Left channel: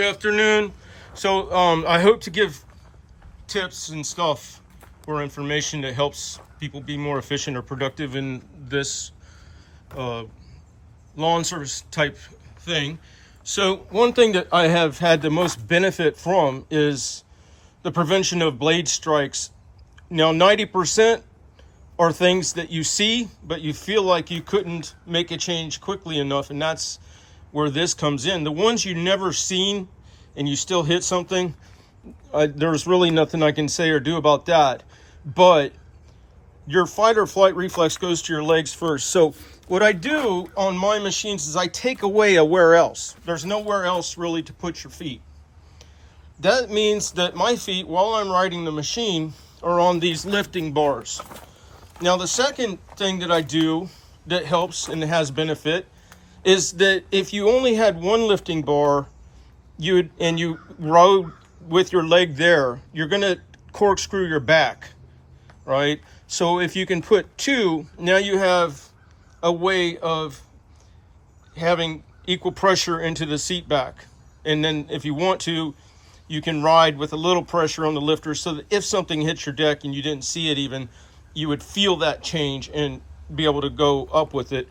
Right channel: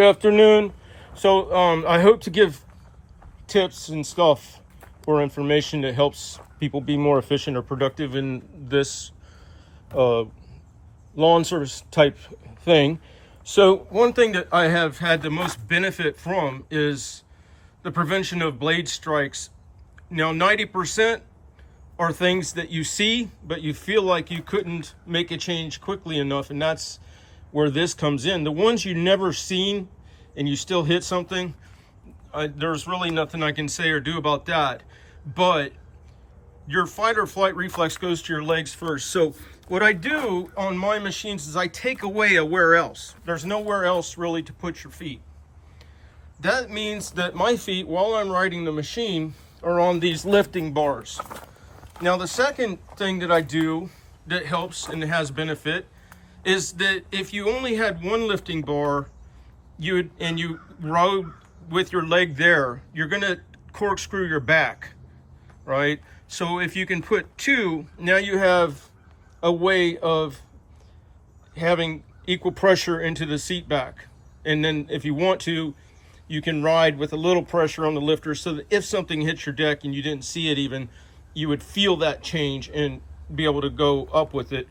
Good afternoon. So I hope to give tips and stuff or information that helps people be more efficient or productive in this lawn service type thing. So one thing that I have had the most benefit from is the prevention of blade strikes. Now 90% are things that you see, but you feel like you couldn't make a change quickly enough, and that's where this comes in. The ones you never seen and you still hit something, there's really nothing I can say or do about that. But your fight or flight reflex goes to your legs first. So what I do on my machines is I take away a where else. There's nowhere else really to put your feet. That means that my feet, while I'm riding the machine, are on these lifting bars. Now the second thing that I do that helps and has benefit is that if you only had one lifting bar, you rode with your leg there, you're gonna corkscrew your back, right? So if you can put two, now you have a way of having equal pressure into the seat back. And then if you want to, you can ride with a little pressure on the lifter so that if something hits your deck and you didn't see it even, you would feel that change and be able to go up with it.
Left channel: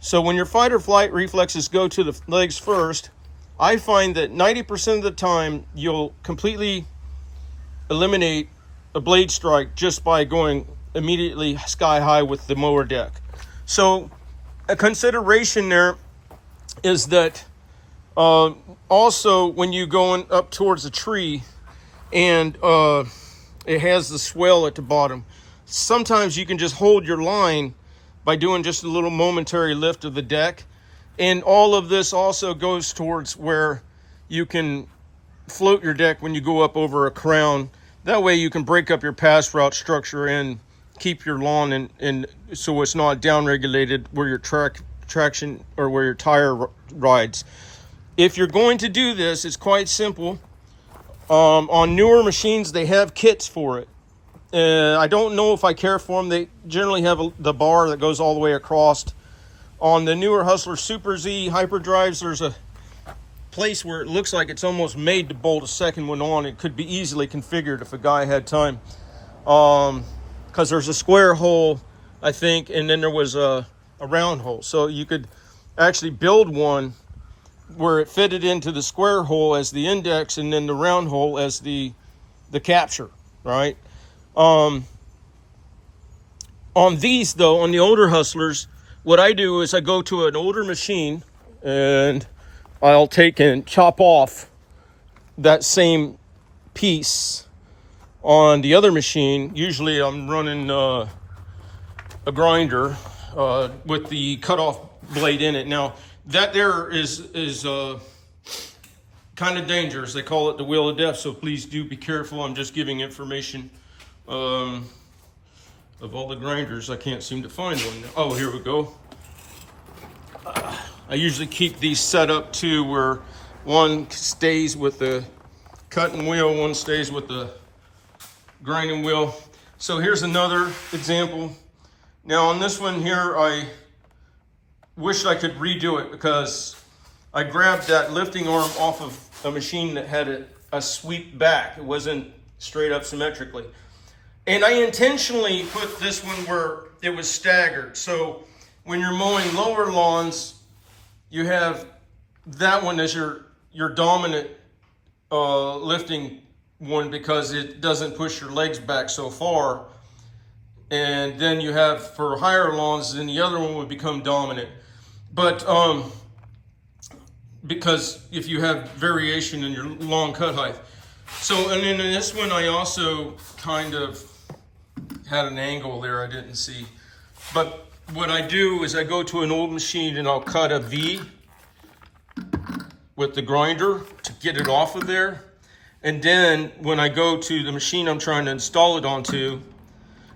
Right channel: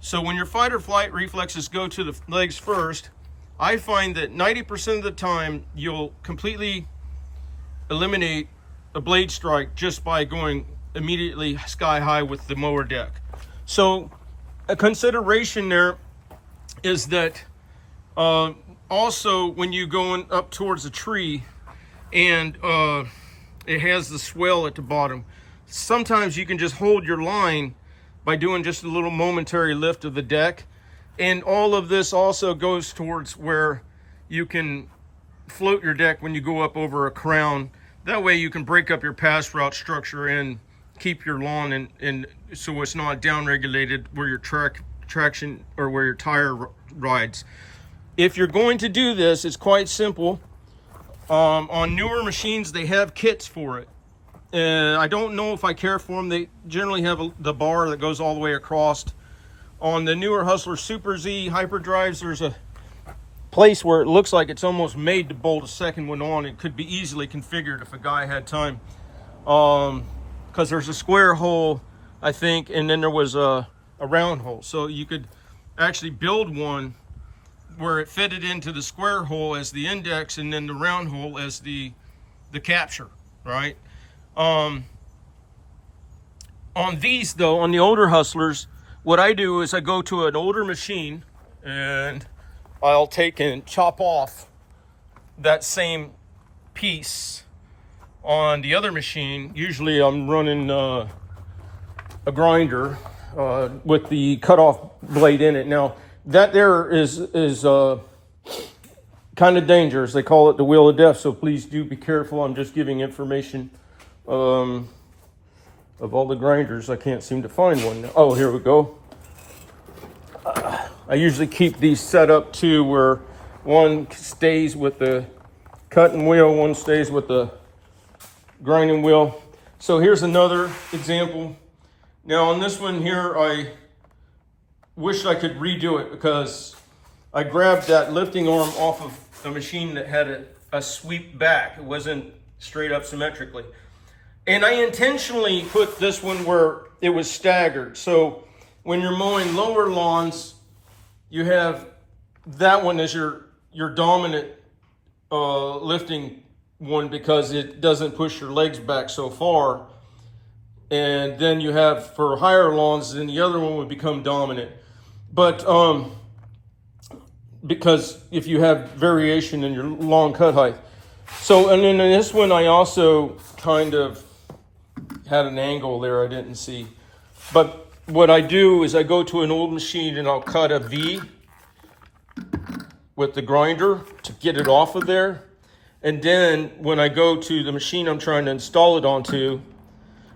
So when your fight or flight reflexes go to the legs first, I find that 90% of the time you'll completely eliminate a blade strike just by going immediately sky high with the mower deck. So a consideration there is that also when you going up towards a tree and it has the swell at the bottom, sometimes you can just hold your line by doing just a little momentary lift of the deck. And all of this also goes towards where you can float your deck when you go up over a crown. That way you can break up your pass route structure and keep your lawn and so it's not down regulated where your traction or where your tire rides. If you're going to do this, it's quite simple. On newer machines, they have kits for it. I don't know if I care for them. They generally have the bar that goes all the way across. On the newer Hustler Super Z hyperdrives, there's a place where it looks like it's almost made to bolt a second one on. It could be easily configured if a guy had time. Because there's a square hole, I think, and then there was a round hole. So you could actually build one where it fitted into the square hole as the index and then the round hole as the capture, right? On these though, on the older Hustlers, what I do is I go to an older machine and I'll take and chop off that same piece on the other machine. Usually I'm running a grinder with the cutoff blade in it. Now that there is kind of dangerous. They call it the wheel of death, so please do be careful. I'm just giving information. Of all the grinders, I can't seem to find one. Oh, here we go. I usually keep these set up to where one stays with the cutting wheel, one stays with the grinding wheel. So here's another example. Now on this one here, I wish I could redo it because I grabbed that lifting arm off of a machine that had a sweep back. It wasn't straight up symmetrically. And I intentionally put this one where it was staggered. So when you're mowing lower lawns, you have that one as your dominant lifting one because it doesn't push your legs back so far. And then you have for higher lawns, then the other one would become dominant. But because if you have variation in your lawn cut height. So, and then in this one, I also kind of had an angle there I didn't see. But what I do is I go to an old machine and I'll cut a V with the grinder to get it off of there. And then when I go to the machine I'm trying to install it onto,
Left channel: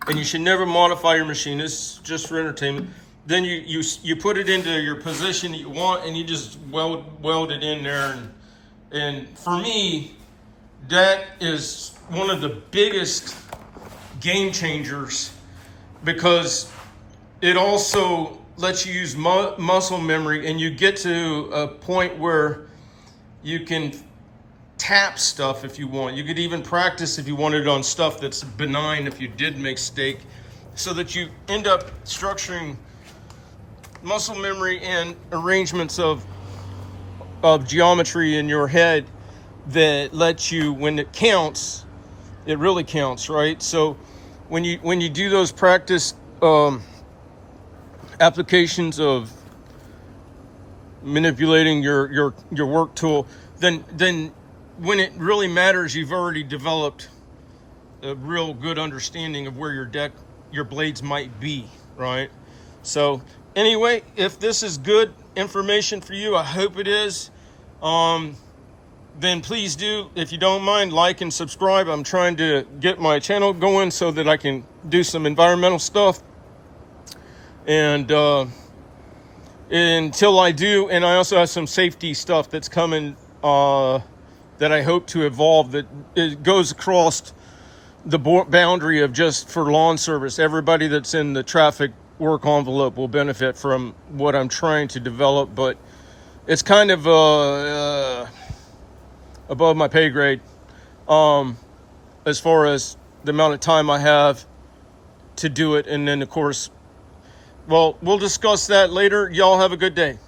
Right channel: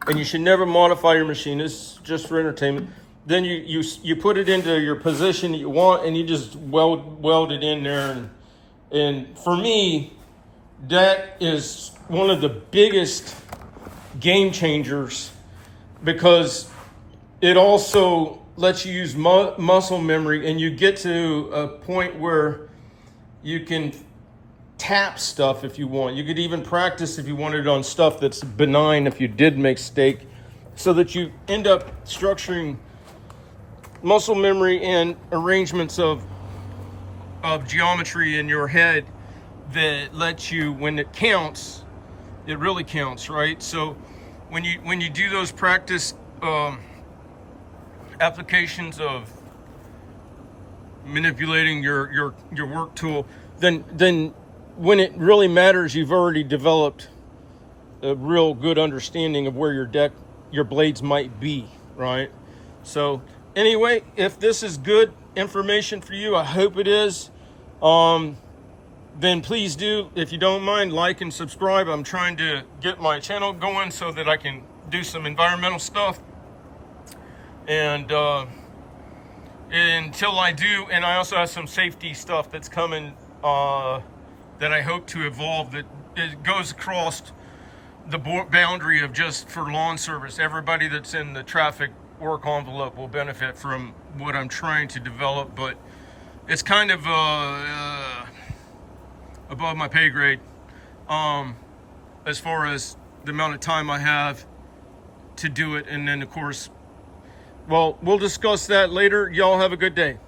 and you should never modify your machine, it's just for entertainment. Then you put it into your position that you want and you just weld it in there. And for me, that is one of the biggest game changers because it also lets you use muscle memory and you get to a point where you can tap stuff if you want. You could even practice if you wanted on stuff that's benign if you did make steak, so that you end up structuring muscle memory and arrangements of geometry in your head that lets you, when it counts, it really counts, right? So when you do those practice applications of manipulating your work tool, then when it really matters, you've already developed a real good understanding of where your blades might be, right? So anyway, if this is good information for you, I hope it is, then please do, if you don't mind, like and subscribe. I'm trying to get my channel going so that I can do some environmental stuff. And until I do, and I also have some safety stuff that's coming that I hope to evolve, that it goes across the boundary of just for lawn service. Everybody that's in the traffic work envelope will benefit from what I'm trying to develop, but it's kind of above my pay grade as far as the amount of time I have to do it. And then, of course, well, we'll discuss that later. Y'all have a good day.